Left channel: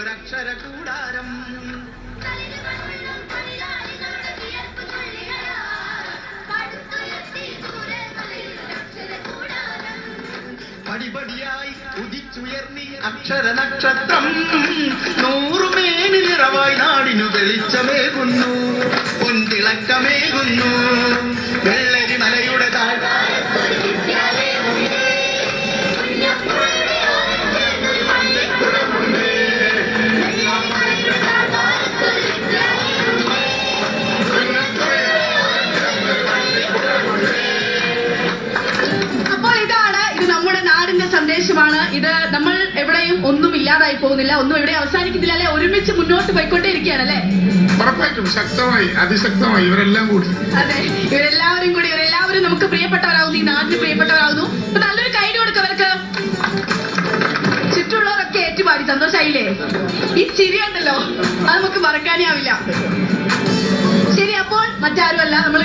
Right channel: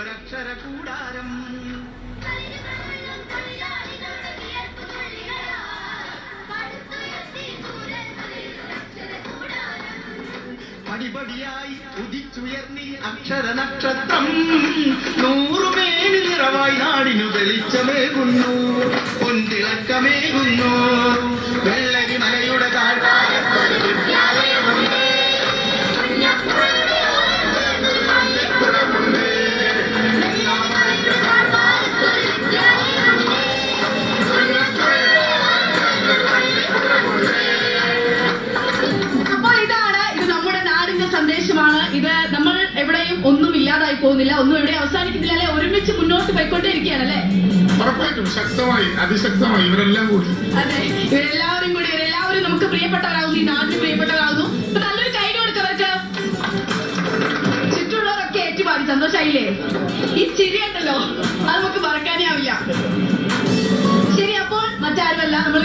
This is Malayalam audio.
ഒരക്ഷര കൂടാരം. പടിപടിയായി ഉദിച്ചുയർന്നി അക്ഷര നക്ഷത്രം, നൂറുമേനി നിറവായി നാടിനു വെളിച്ചമേകുന്നു, പൊൻതിളക്കമേകുന്നു. വെള്ളരി മലയുടെ സന്ദേശമാണ് ഇത്. നമ്മൾ എവിടെയും ഒന്നും ഇല്ലാതായി പോകുന്നില്ല, ഒന്നും എവിടെ അവസാനിക്കുന്നില്ല അല്ലെ, ഒരുമിച്ച് മുന്നോട്ട് പോയിക്കൊണ്ടേ ഇരിക്കുകയാണ് അല്ലെ. ഉറപ്പായിട്ടും ശക്തമായി അതിശക്തമായി ഇവരെല്ലാം കൂടി, അതെ, ഇവരെല്ലാവരും നമുക്ക് പ്രിയപ്പെട്ടവരാകുന്നു, ഈ നാട്ടിൽ പ്രിയപ്പെട്ടവരാകുന്നു. അപ്പൊ നല്ലൊരു കൈ കൊടുക്കവർക്ക്. ചുറ്റുമുള്ളവരൊക്കെ ഏറ്റുപാടി സന്തോഷായില്ലേ? ഈ ചിരിയുണ്ടല്ലോ, അത് നമുക്ക് മറക്കാനേ ആവില്ല. ശരി, അപ്പോൾ മറ്റാരുമല്ല, നമ്മൾ